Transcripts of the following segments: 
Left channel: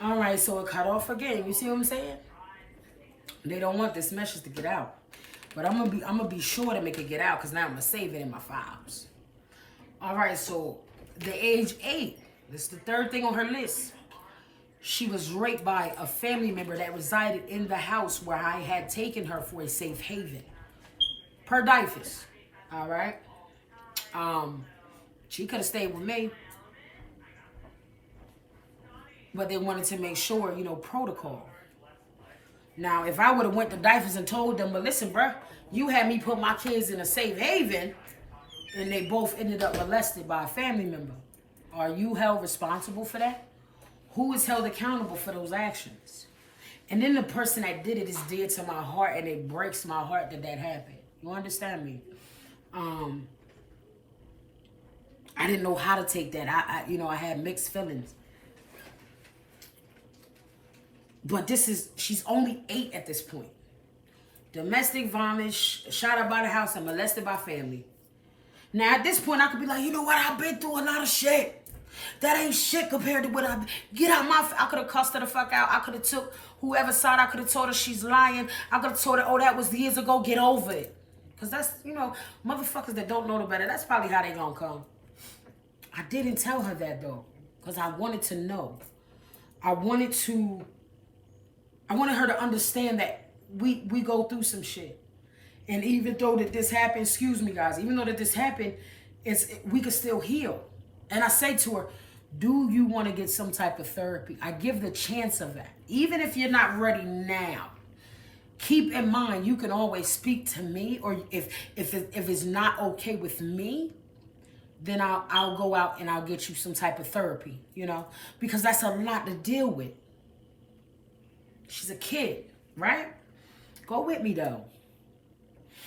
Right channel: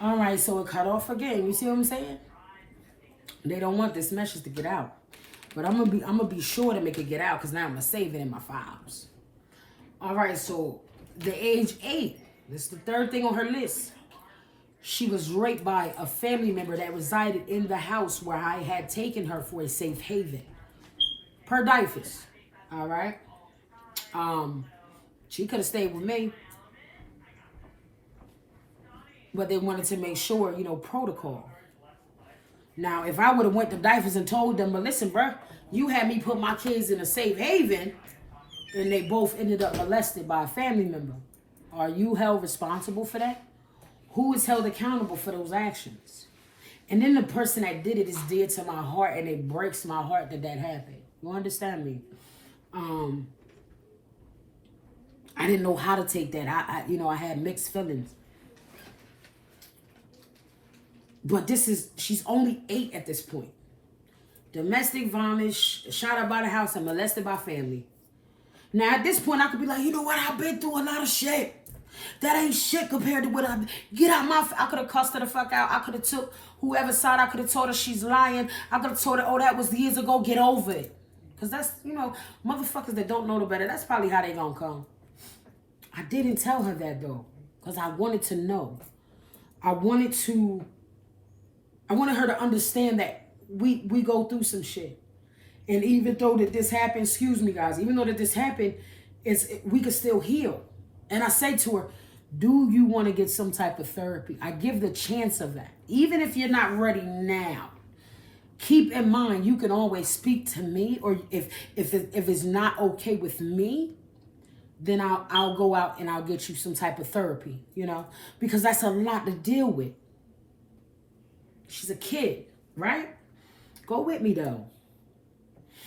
All right, so it cut off again. You see what I'm saying? They don't want this message to get out. But I'm gonna be sure to make it get out because now I'm gonna save it in my files. All right, so the age 8. This is the third thing on her list. She was raped by a family member that resided in the house where I had taken her for a safe haven. Per Dyfus. All right. She could have stayed with me. But they wanted to make sure, protocol. Now, if I would have went to Dyfus and told them, but listen, bruh, you had me put my kids in a safe haven, and they both ended up molested by a family member. Are you held responsible for that? Who is held accountable for those actions? And then the person that did it is dear to my heart, and it breaks my heart that happened. You understand me? I didn't know how to take that. I had mixed feelings. But she's only 8 at this point. Domestic violence, shot up by the house, and molested by family. Now, at this point, I could be like, you know what? I've been through a lot of shit. That ain't shit compared to what get out my... I could have cussed her the fuck out. I could have took whoever side. I could have told her she's lying. I could have told her, oh, that was years ago. Get over it. Because that's, motherfuckers that don't know no better, that's probably how they gonna come. I didn't tell her that, though. Because I wanted to know. I wanted her to understand that we go through some shit. And even though that this happened, excuse me, guys, even though that this happened, we could still heal. And I say to her, do you want to get some type of therapy? I give the chance of that. Even if you're not ready now, keep in mind, you can always speak to me. Or if it's not okay with me, then I'll go out and I'll get you some type of therapy, because that's a lot to deal with. She's a kid, right? Go with me, though.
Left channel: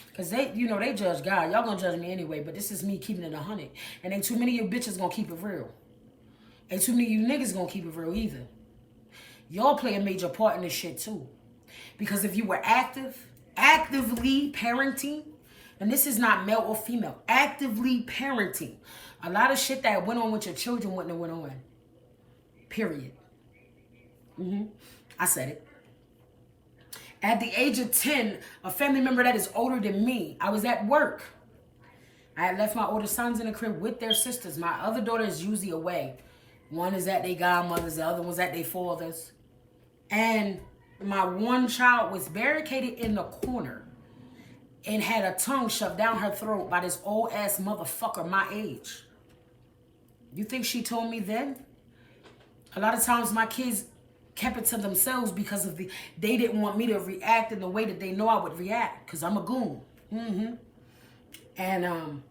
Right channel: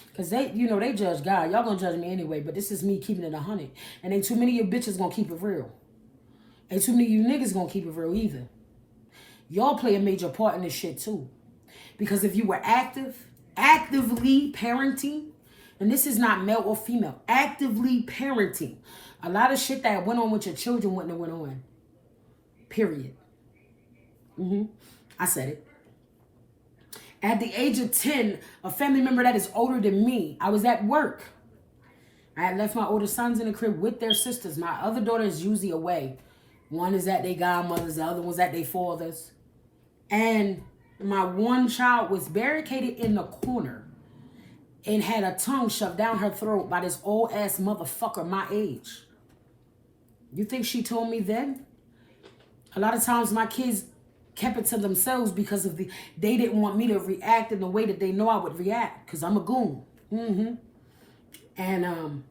Because they judge God. Y'all gonna judge me anyway, but this is me keeping it 100. And ain't too many of you bitches gonna keep it real. Ain't too many of you niggas gonna keep it real either. Y'all play a major part in this shit, too. Because if you were actively parenting, and this is not male or female, actively parenting, a lot of shit that went on with your children wouldn't have went on. Period. I said it. At the age of 10, a family member that is older than me, I was at work. I had left my older sons in the crib with their sisters. My other daughter is usually away. One is at their godmothers, the other one's at their fathers. And my one child was barricaded in the corner and had a tongue shoved down her throat by this old ass motherfucker my age. You think she told me then? A lot of times my kids kept it to themselves because they didn't want me to react in the way that they know I would react, because I'm a goon. And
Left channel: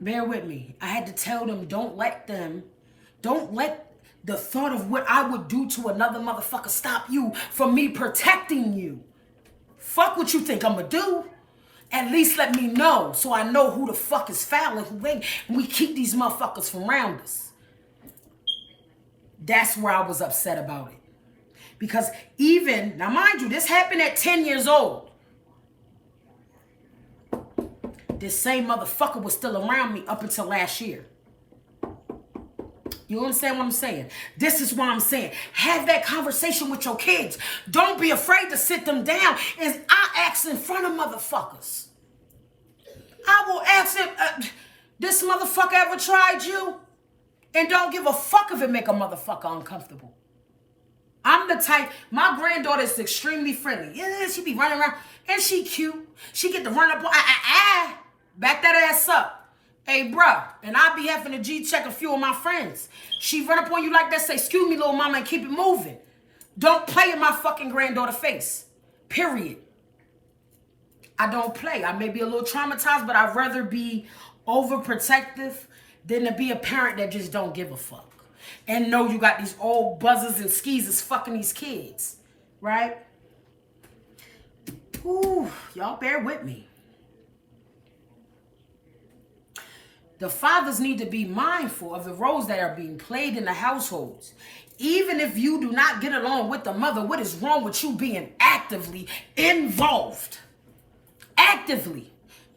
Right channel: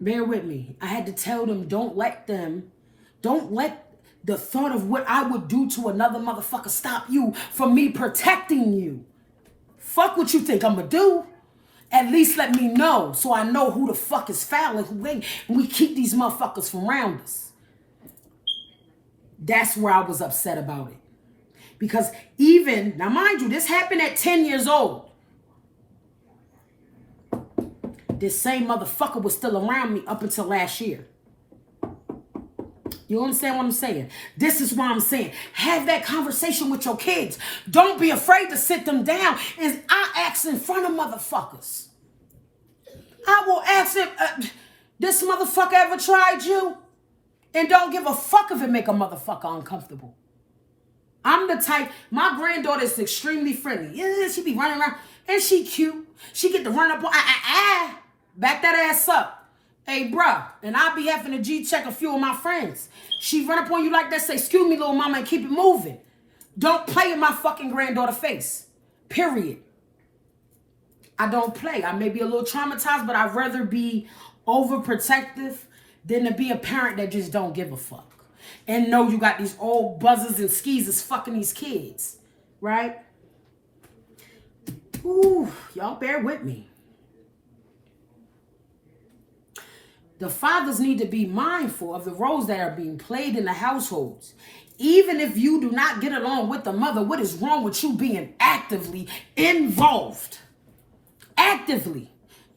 bear with me. I had to tell them, don't let the thought of what I would do to another motherfucker stop you from me protecting you. Fuck what you think I'm gonna do. At least let me know so I know who the fuck is foul and who ain't. And we keep these motherfuckers from around us. That's where I was upset about it. Because now mind you, this happened at 10 years old. This same motherfucker was still around me up until last year. You understand what I'm saying? This is why I'm saying, have that conversation with your kids. Don't be afraid to sit them down. And I ask in front of motherfuckers. I will ask him, this motherfucker ever tried you? And don't give a fuck if it make a motherfucker uncomfortable. I'm the type, my granddaughter is extremely friendly. Yeah, she be running around, and she cute. She get to run up on, back that ass up. Hey, bruh, and I be having to G-check a few of my friends. She run up on you like that, say, excuse me, little mama, and keep it moving. Don't play in my fucking granddaughter face. Period. I don't play. I may be a little traumatized, but I'd rather be overprotective than to be a parent that just don't give a fuck. And know you got these old buzzers and skeezers fucking these kids. Right? Ooh, y'all bear with me. The fathers need to be mindful of the roles that are being played in the households. Even if you do not get along with the mother, what is wrong with you being actively involved? Actively.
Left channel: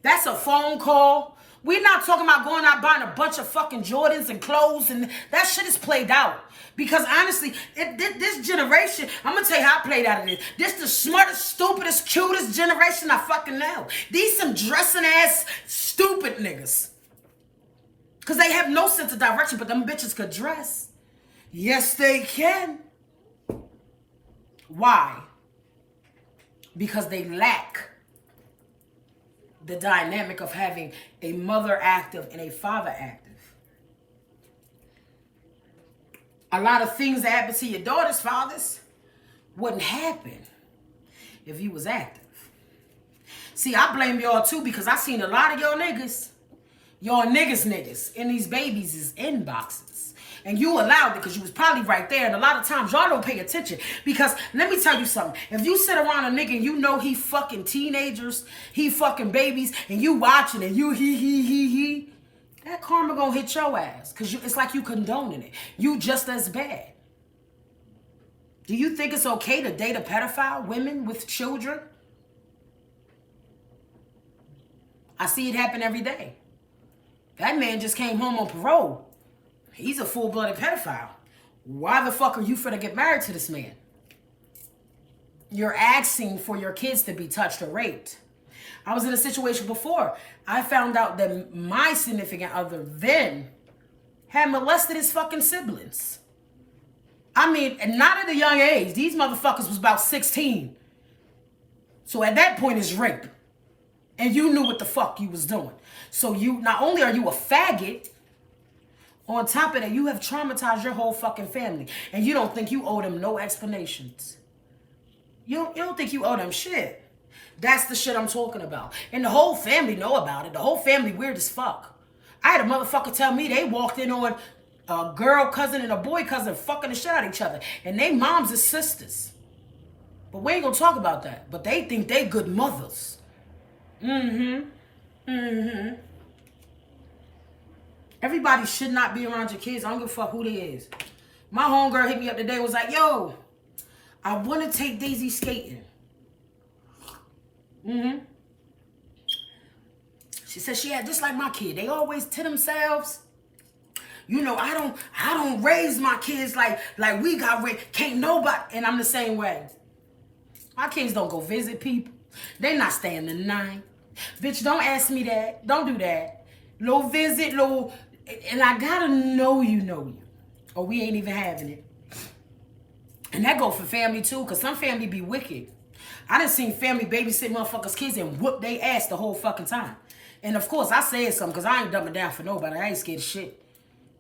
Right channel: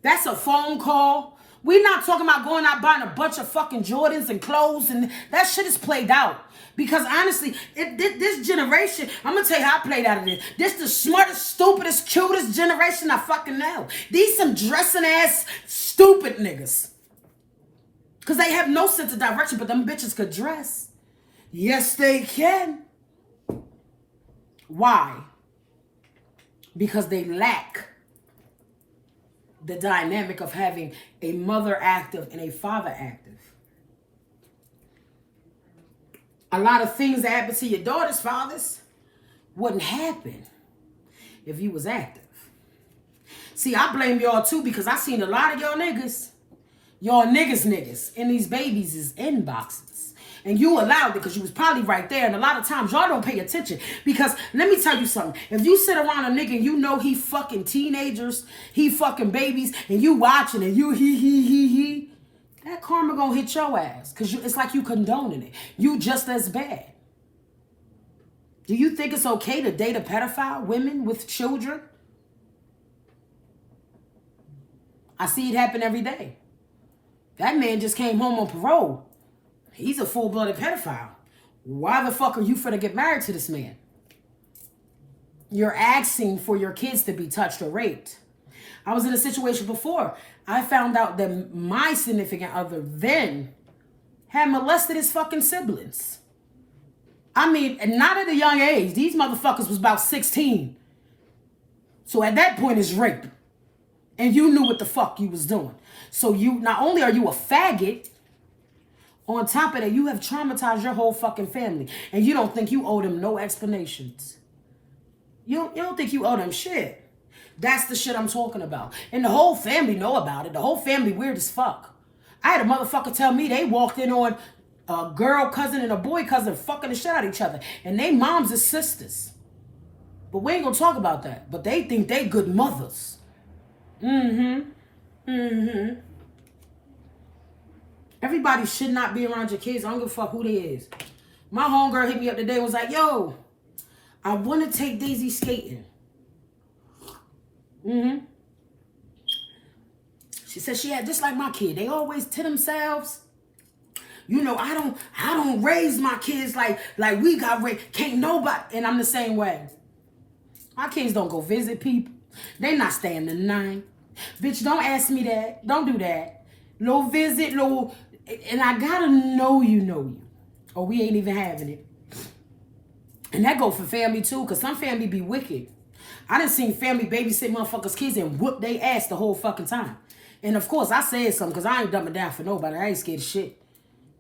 That's a phone call We're not talking about going out buying a bunch of fucking Jordans and clothes, and that shit is played out. Because honestly, this generation, I'm gonna tell you how I played out of this. This the smartest, stupidest, cutest generation I fucking know. These some dressing ass, stupid niggas. Because they have no sense of direction, but them bitches could dress. Yes, they can. Why? Because they lack the dynamic of having a mother active and a father active. A lot of things that happen to your daughter's fathers wouldn't happen if you was active. See, I blame y'all too because I seen a lot of y'all niggas in these babies' inboxes. And you allowed it because you was probably right there. And a lot of times y'all don't pay attention. Because let me tell you something. If you sit around a nigga and you know he fucking teenagers, he fucking babies, and you watching and you he, that karma gonna hit your ass. Because it's like you condoning it. You just as bad. Do you think it's okay to date a pedophile, women with children? I see it happen every day. That man just came home on parole. He's a full-blooded pedophile. Why the fuck are you finna get married to this man? You're asking for your kids to be touched or raped. I was in a situation before. I found out that my significant other then had molested his fucking siblings. I mean, not at a young age. These motherfuckers was about 16. So at that point, it's rape. And you knew what the fuck you was doing. So you, not only are you a faggot, on top of that, you have traumatized your whole fucking family. And you don't think you owe them no explanations. You don't think you owe them shit. That's the shit I'm talking about. And the whole family know about it. The whole family weird as fuck. I had a motherfucker tell me they walked in on a girl cousin and a boy cousin fucking the shit out of each other. And they moms is sisters. But we ain't gonna talk about that. But they think they good mothers. Everybody should not be around your kids. I don't give a fuck who they is. My homegirl hit me up today and was like, yo, I want to take Daisy skating. She said she had just like my kid. They always to themselves. You know, I don't raise my kids like we got raised. Can't nobody. And I'm the same way. My kids don't go visit people. They not staying the night. Bitch, don't ask me that. Don't do that. No visit, no. And I gotta know you. Or we ain't even having it. And that go for family too, because some family be wicked. I done seen family babysit motherfuckers' kids and whoop they ass the whole fucking time. And of course, I said something because I ain't dumbing down for nobody. I ain't scared of shit.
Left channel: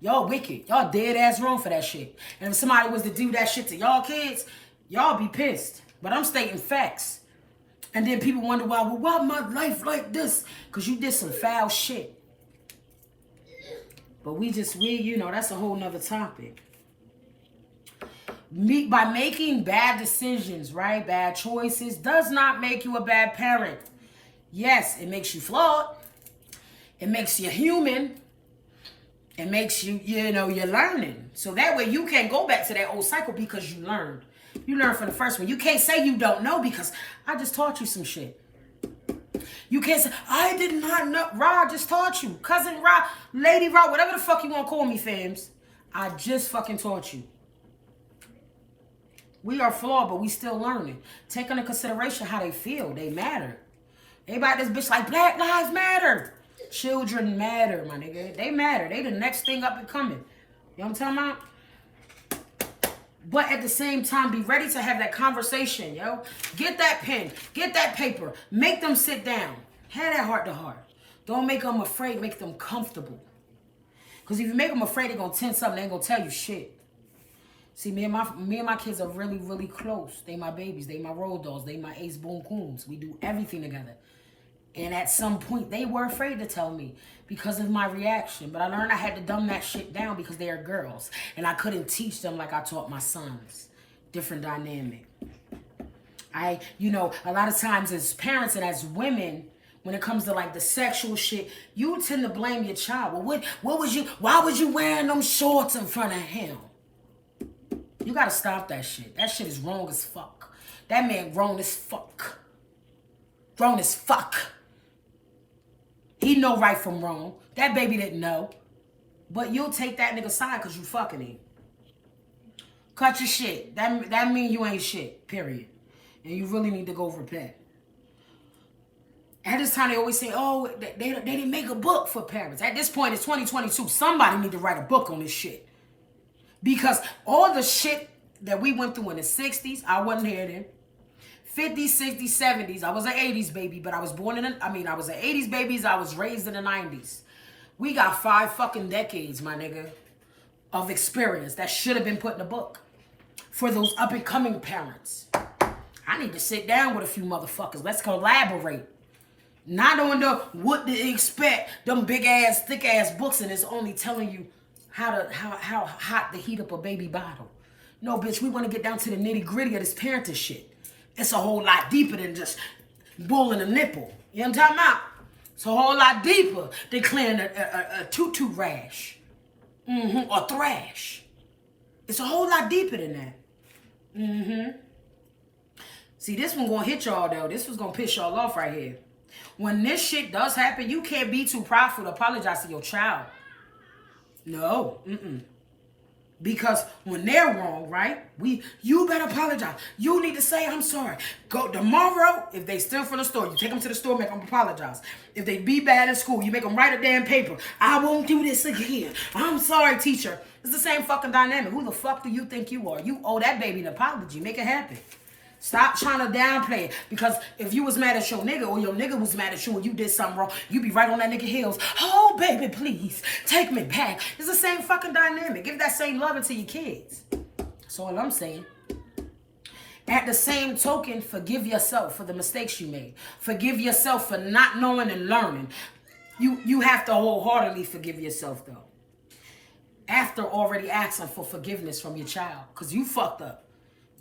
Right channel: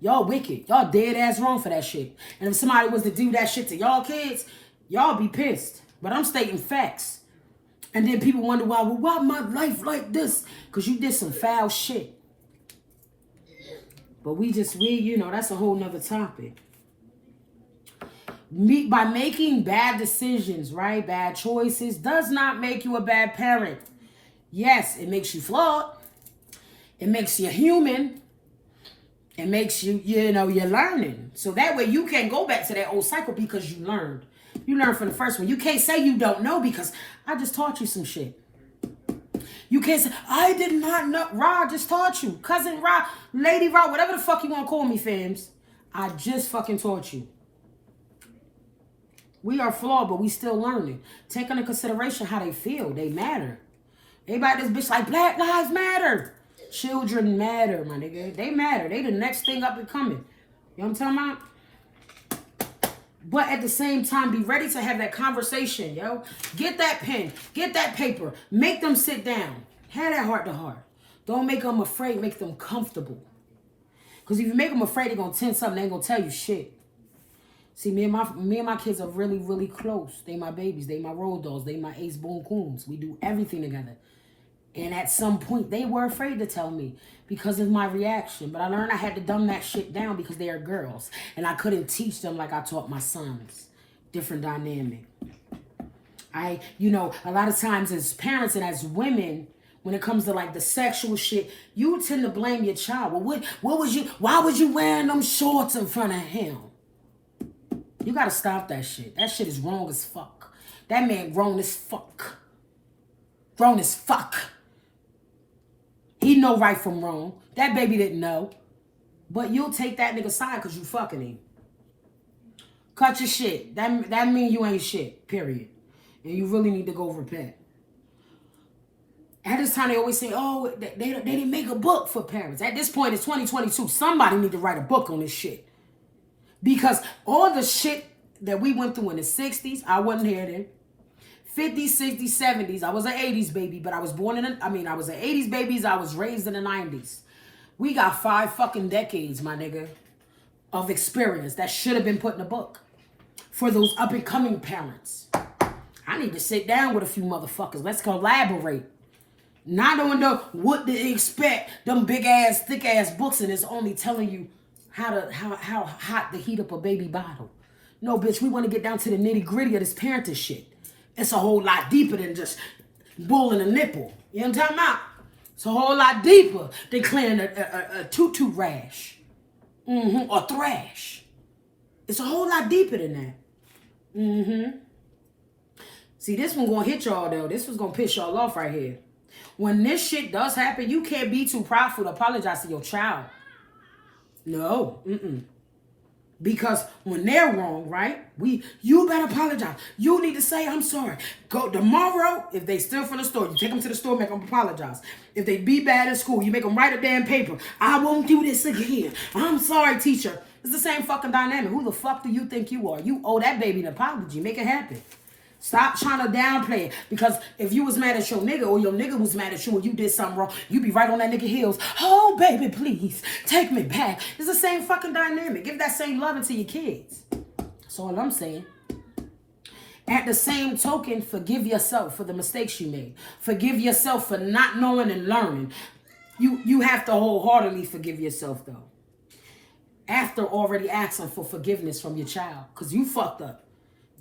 Y'all wicked. Y'all dead ass wrong for that shit. And if somebody was to do that shit to y'all kids, y'all be pissed. But I'm stating facts. And then people wonder why my life like this? Because you did some foul shit. But you know, that's a whole nother topic. By making bad decisions, right? Bad choices does not make you a bad parent. Yes, it makes you flawed. It makes you human. It makes you, you know, you're learning. So that way you can't go back to that old cycle because you learned. You learned from the first one. You can't say you don't know because I just taught you some shit. You can't say, I did not know. Rod just taught you. Cousin Rod, Lady Rod, whatever the fuck you want to call me, fams. I just fucking taught you. We are flawed, but we still learning. Take into consideration how they feel. They matter. Everybody this bitch like, Black Lives Matter. Children matter, my nigga. They matter. They the next thing up and coming. You know what I'm talking about? But at the same time, be ready to have that conversation, yo. Get that pen. Get that paper. Make them sit down. Have that heart to heart. Don't make them afraid. Make them comfortable. Because if you make them afraid, they're going to tense something. They ain't going to tell you shit. See, me and my kids are really, really close. They my babies. They my road dogs. They my ace boom coons. We do everything together. And at some point, they were afraid to tell me because of my reaction. But I learned I had to dumb that shit down because they are girls. And I couldn't teach them like I taught my sons. Different dynamic. You know, a lot of times as parents and as women, when it comes to like the sexual shit, you tend to blame your child. Well, why was you wearing them shorts in front of him? You gotta stop that shit. That shit is wrong as fuck. That man grown as fuck. Grown as fuck. He know right from wrong. That baby didn't know. But you'll take that nigga side because you fucking him. Cut your shit. That mean you ain't shit, period. And you really need to go repent. At this time, they always say, oh, they didn't make a book for parents. At this point, it's 2022. Somebody need to write a book on this shit. Because all the shit that we went through in the 60s, I wasn't here then. 50s, 60s, 70s. I was an 80s baby, but I was born in, I was an 80s baby. I was raised in the 90s. We got 5 fucking decades, my nigga, of experience that should have been put in a book for those up-and-coming parents. I need to sit down with a few motherfuckers. Let's collaborate. Not on the what to expect, them big-ass, thick-ass books, and it's only telling you how hot to heat up a baby bottle. No, bitch, we want to get down to the nitty-gritty of this parenting shit. It's a whole lot deeper than just bullying a nipple. You know what I'm talking about? It's a whole lot deeper than clearing a tutu rash. Or thrash. It's a whole lot deeper than that. See, this one gonna hit y'all, though. This was gonna piss y'all off right here. When this shit does happen, you can't be too prideful to apologize to your child. No. Because when they're wrong, right? You better apologize. You need to say, I'm sorry. Go tomorrow, if they steal from the store, you take them to the store, make them apologize. If they be bad in school, you make them write a damn paper. I won't do this again. I'm sorry, teacher. It's the same fucking dynamic. Who the fuck do you think you are? You owe that baby an apology. Make it happen. Stop trying to downplay it. Because if you was mad at your nigga or your nigga was mad at you and you did something wrong, you be right on that nigga heels. Oh, baby, please, take me back. It's the same fucking dynamic. Give that same loving to your kids. That's all I'm saying. At the same token, forgive yourself for the mistakes you made. Forgive yourself for not knowing and learning. You have to wholeheartedly forgive yourself, though. After already asking for forgiveness from your child. Because you fucked up.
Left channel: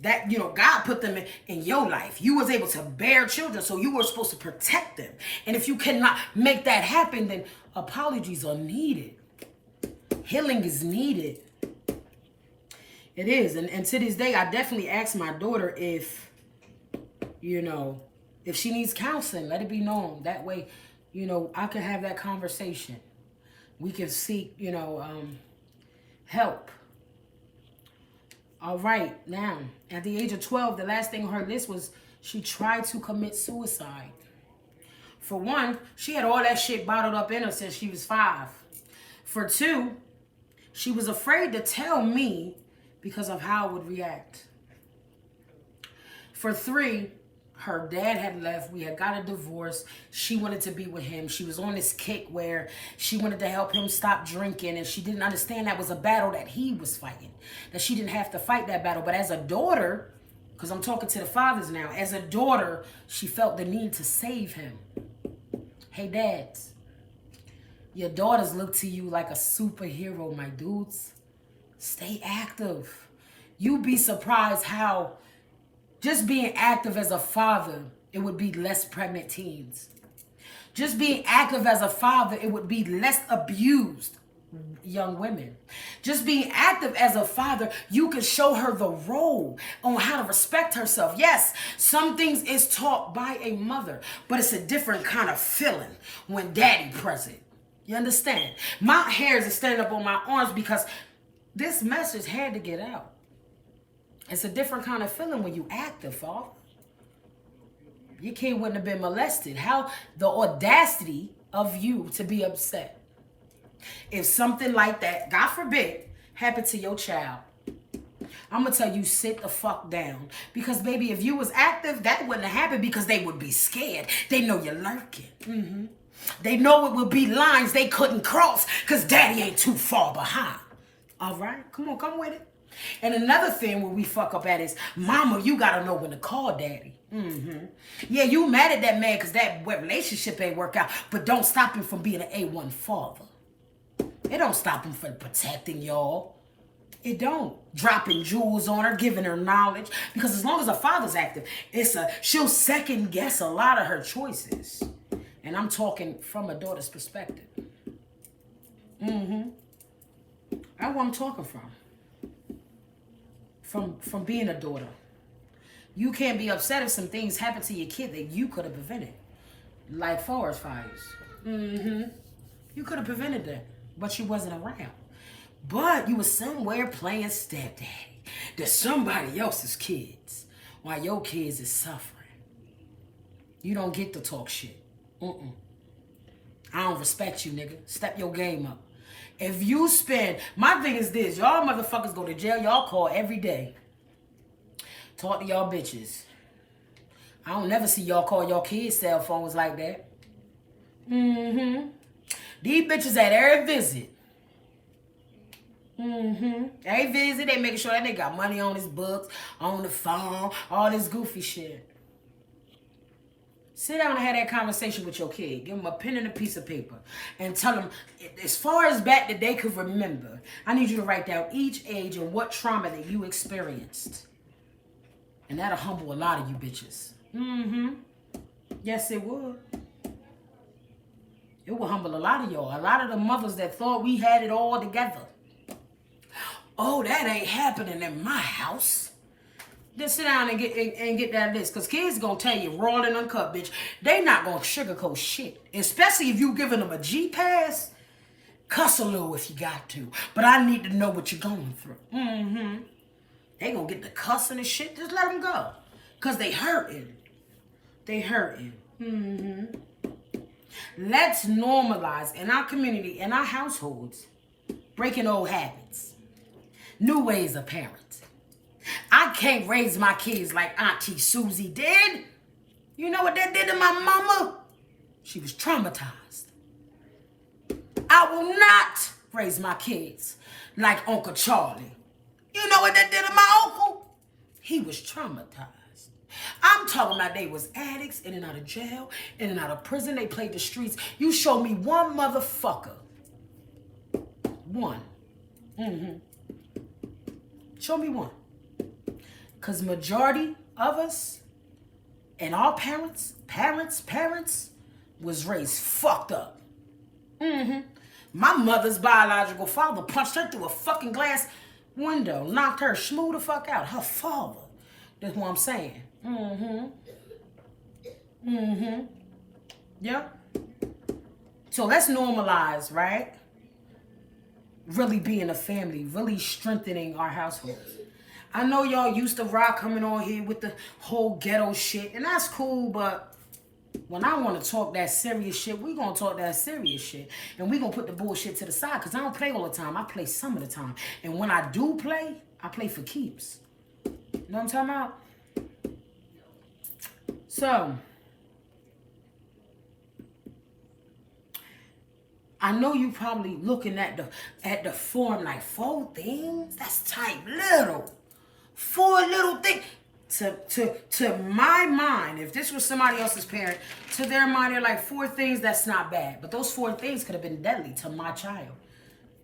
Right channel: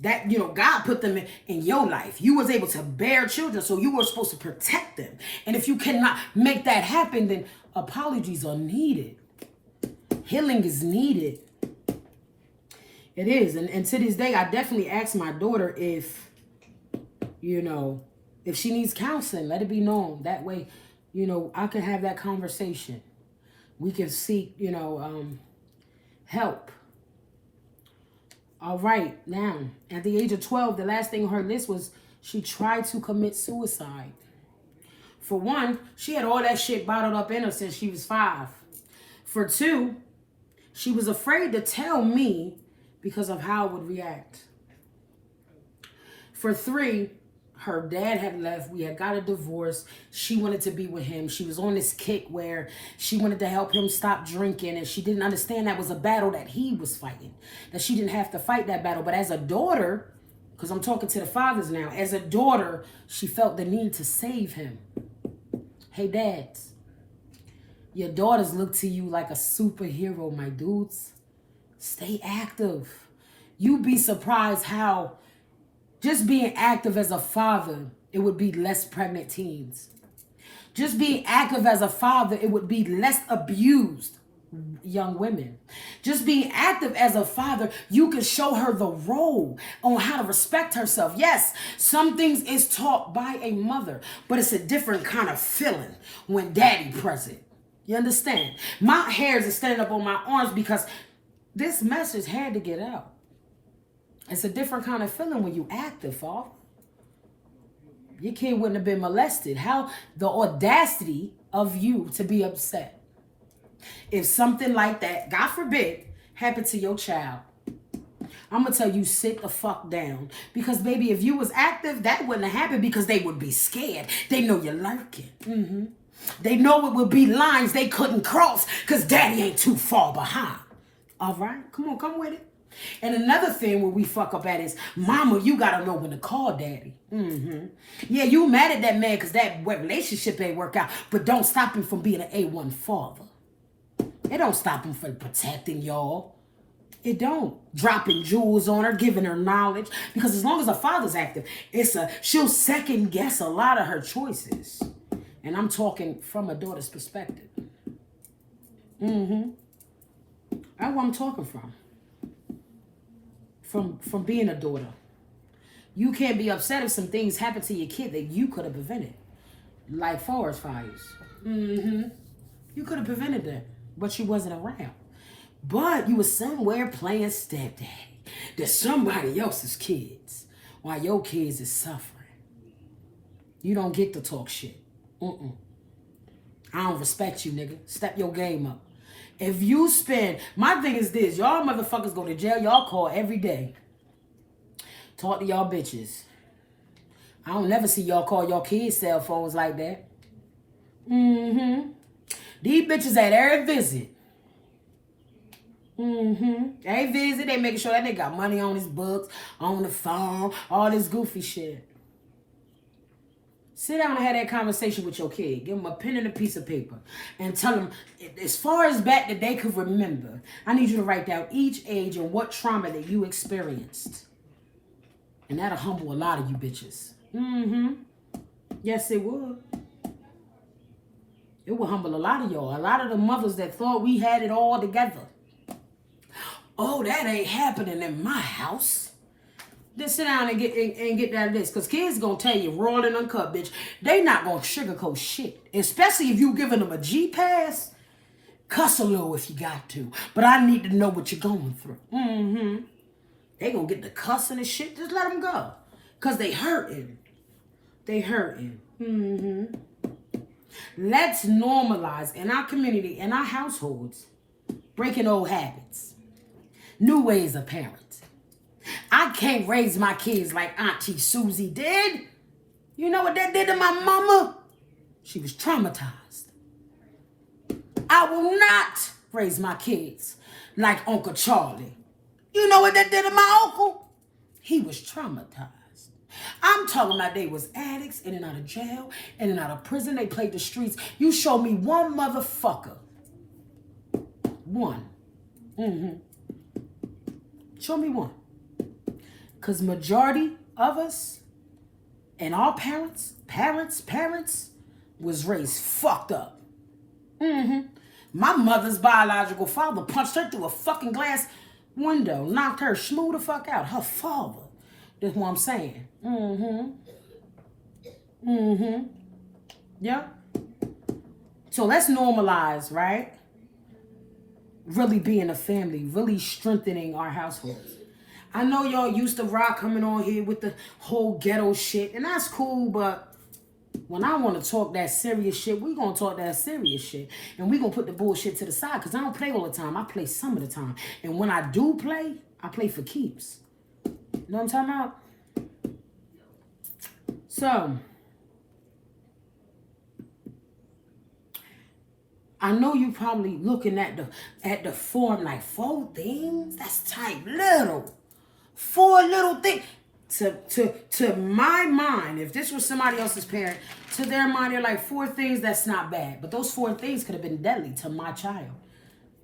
That, God put them in your life. You was able to bear children, so you were supposed to protect them. And if you cannot make that happen, then apologies are needed. Healing is needed. It is. And to this day, I definitely ask my daughter if she needs counseling, let it be known. That way, I can have that conversation. We can seek, help. All right, now, at the age of 12, the last thing on her list was she tried to commit suicide. For one, she had all that shit bottled up in her since she was 5. For 2, she was afraid to tell me because of how I would react. For 3, her dad had left. We had got a divorce. She wanted to be with him. She was on this kick where she wanted to help him stop drinking. And she didn't understand that was a battle that he was fighting. That she didn't have to fight that battle. But as a daughter, because I'm talking to the fathers now. As a daughter, she felt the need to save him. Hey, dads. Your daughters look to you like a superhero, my dudes. Stay active. You'd be surprised how just being active as a father, it would be less pregnant teens. Just being active as a father, it would be less abused young women. Just being active as a father, you can show her the role on how to respect herself. Yes, some things is taught by a mother, but it's a different kind of feeling when daddy present. You understand? My hairs are standing up on my arms because this message had to get out. It's a different kind of feeling when you active, father. Your kid wouldn't have been molested. How the audacity of you to be upset. If something like that, God forbid, happened to your child, I'm going to tell you, sit the fuck down. Because, baby, if you was active, that wouldn't have happened because they would be scared. They know you're lurking. They know it would be lines they couldn't cross because daddy ain't too far behind. All right? Come with it. And another thing where we fuck up at is, mama, you got to know when to call daddy. Yeah, you mad at that man because that relationship ain't work out, but don't stop him from being an A1 father. It don't stop him from protecting y'all. It don't. Dropping jewels on her, giving her knowledge. Because as long as a father's active, she'll second guess a lot of her choices. And I'm talking from a daughter's perspective. That's where I'm talking from. From being a daughter. You can't be upset if some things happen to your kid that you could have prevented. Like forest fires. You could have prevented that, but you wasn't around. But you was somewhere playing stepdaddy to somebody else's kids while your kids is suffering. You don't get to talk shit. I don't respect you, nigga. Step your game up. If you spend, my thing is this, y'all motherfuckers go to jail, y'all call every day. Talk to y'all bitches. I don't never see y'all call y'all kids cell phones like that. These bitches at every visit. Every visit, they making sure that they got money on his books, on the phone, all this goofy shit. Sit down and have that conversation with your kid. Give them a pen and a piece of paper. And tell them, as far as back that they could remember, I need you to write down each age and what trauma that you experienced. And that'll humble a lot of you bitches. Yes, it would. It will humble a lot of y'all. A lot of the mothers that thought we had it all together. Oh, that ain't happening in my house. Just sit down and get that list. Because kids going to tell you raw and uncut, bitch. They not going to sugarcoat shit. Especially if you giving them a G-pass. Cuss a little if you got to. But I need to know what you're going through. They going to get the cussing and shit. Just let them go. Because they hurting. They hurting. Let's normalize in our community, in our households, breaking old habits. New ways of parenting. I can't raise my kids like Auntie Susie did. You know what that did to my mama? She was traumatized. I will not raise my kids like Uncle Charlie. You know what that did to my uncle? He was traumatized. I'm talking about they was addicts, in and out of jail, in and out of prison. They played the streets. You show me one motherfucker. One. Show me one. Because majority of us and our parents was raised fucked up. My mother's biological father punched her through a fucking glass window, knocked her smooth the fuck out. Her father. That's what I'm saying. Yeah. So let's normalize, right? Really being a family, really strengthening our households. I know y'all used to rock coming on here with the whole ghetto shit, and that's cool, but when I want to talk that serious shit, we going to talk that serious shit. And we going to put the bullshit to the side, because I don't play all the time. I play some of the time. And when I do play, I play for keeps. You know what I'm talking about? So, I know you probably looking at the form like 4 things. That's type little. 4 little things. To my mind, if this was somebody else's parent, to their mind, they're like 4 things. That's not bad. But those 4 things could have been deadly to my child,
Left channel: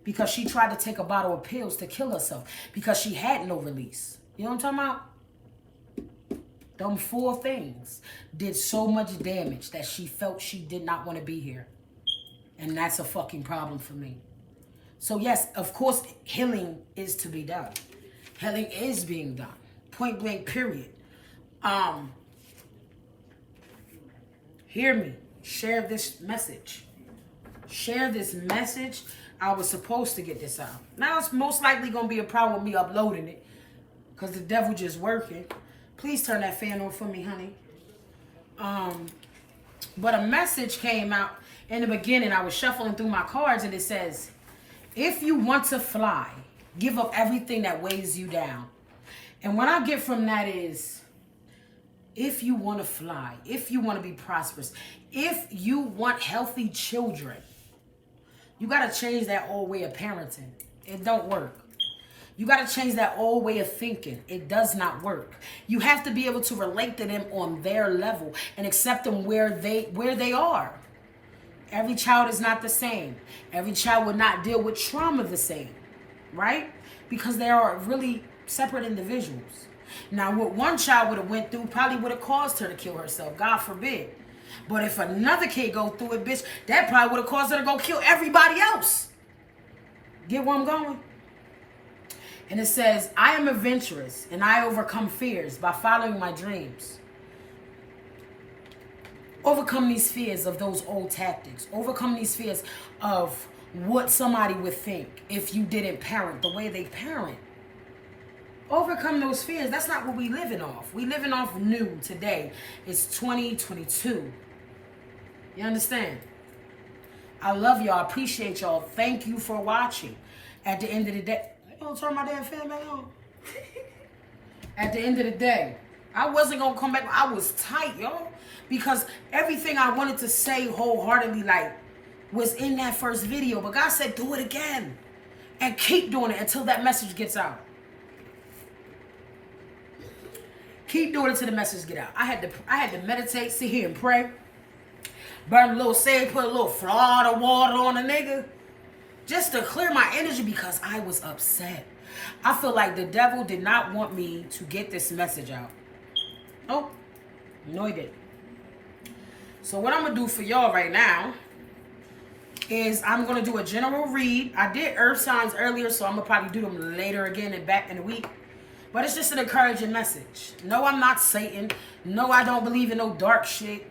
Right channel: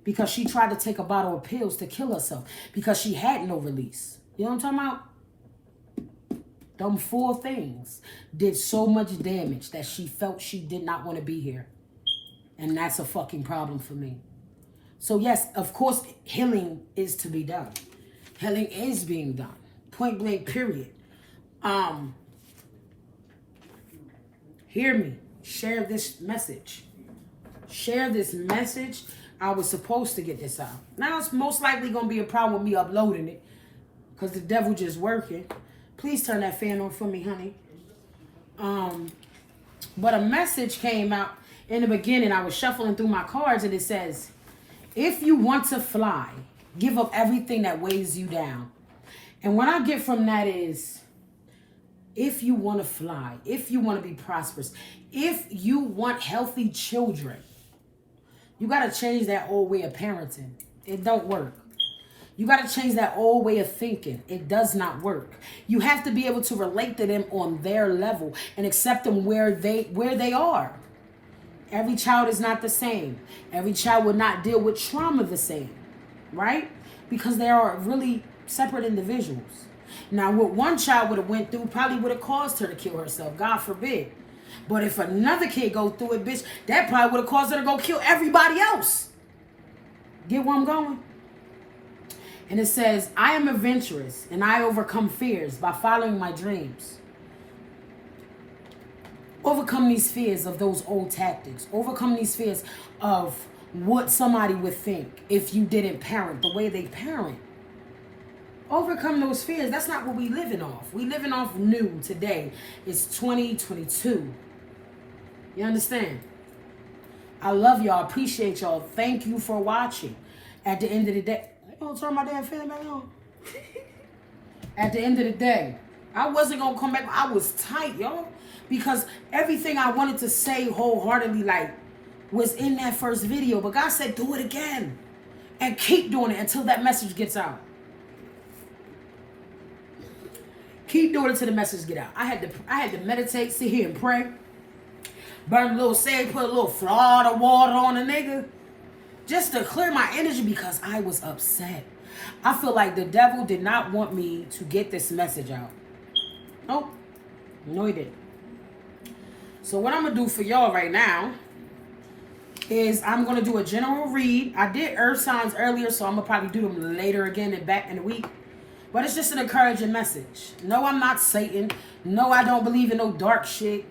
because she tried to take a bottle of pills to kill herself because she had no release. You know what I'm talking about? Them 4 things did so much damage that she felt she did not want to be here. And that's a fucking problem for me. So yes, of course, healing is to be done. Healing is being done. Point blank, period. Hear me. Share this message. Share this message. I was supposed to get this out. Now it's most likely going to be a problem with me uploading it, because the devil just working. Please turn that fan on for me, honey. But a message came out in the beginning. I was shuffling through my cards, and it says, if you want to fly, give up everything that weighs you down. And what I get from that is, if you want to fly, if you want to be prosperous, if you want healthy children, you got to change that old way of parenting. It don't work. You got to change that old way of thinking. It does not work. You have to be able to relate to them on their level and accept them where they are. Every child is not the same. Every child would not deal with trauma the same, right? Because they are really separate individuals. Now, what one child would have went through probably would have caused her to kill herself, God forbid. But if another kid go through it, bitch, that probably would have caused her to go kill everybody else. Get where I'm going? And it says, I am adventurous and I overcome fears by following my dreams. Overcome these fears of those old tactics. Overcome these fears of what somebody would think if you didn't parent the way they parent. Overcome those fears. That's not what we living off. We living off new today. It's 2022. You understand? I love y'all. Appreciate y'all. Thank you for watching. At the end of the day, I don't turn my damn fan back on. At the end of the day, I wasn't gonna come back. I was tight, y'all, because everything I wanted to say wholeheartedly, like, was in that first video. But God said, do it again, and keep doing it until that message gets out. Keep doing it till the message get out. I had to meditate, sit here and pray. Burn a little sage, put a little Florida water on a nigga, just to clear my energy because I was upset. I feel like the devil did not want me to get this message out. Oh, no, he didn't. So what I'm going to do for y'all right now is I'm going to do a general read. I did earth signs earlier, so I'm going to probably do them later again and back in the week. But it's just an encouraging message. No, I'm not Satan. No, I don't believe in no dark shit.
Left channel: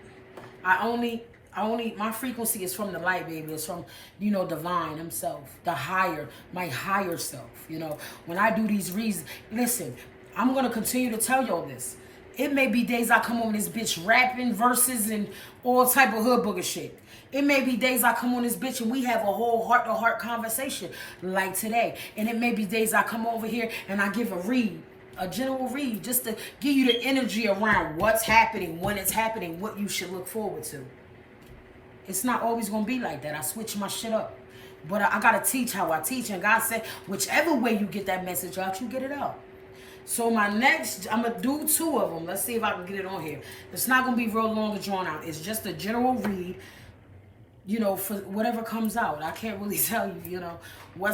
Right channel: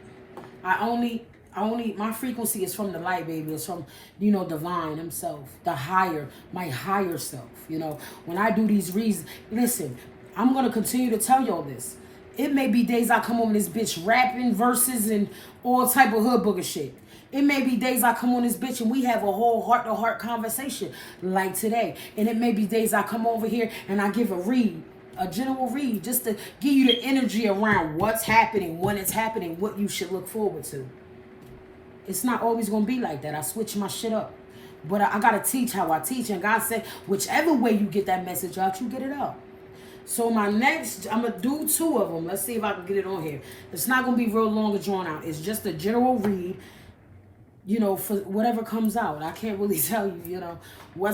My frequency is from the light, baby. It's from, divine himself, my higher self. When I do these reads, listen, I'm going to continue to tell y'all this. It may be days I come on this bitch rapping verses and all type of hood booger shit. It may be days I come on this bitch and we have a whole heart-to-heart conversation like today. And it may be days I come over here and I give a general read, just to give you the energy around what's happening, when it's happening, what you should look forward to. It's not always going to be like that. I switch my shit up. But I got to teach how I teach. And God said, whichever way you get that message out, you get it out. So my next, I'm going to do 2 of them. Let's see if I can get it on here. It's not going to be real long or drawn out. It's just a general read, for whatever comes out. I can't really tell you, what's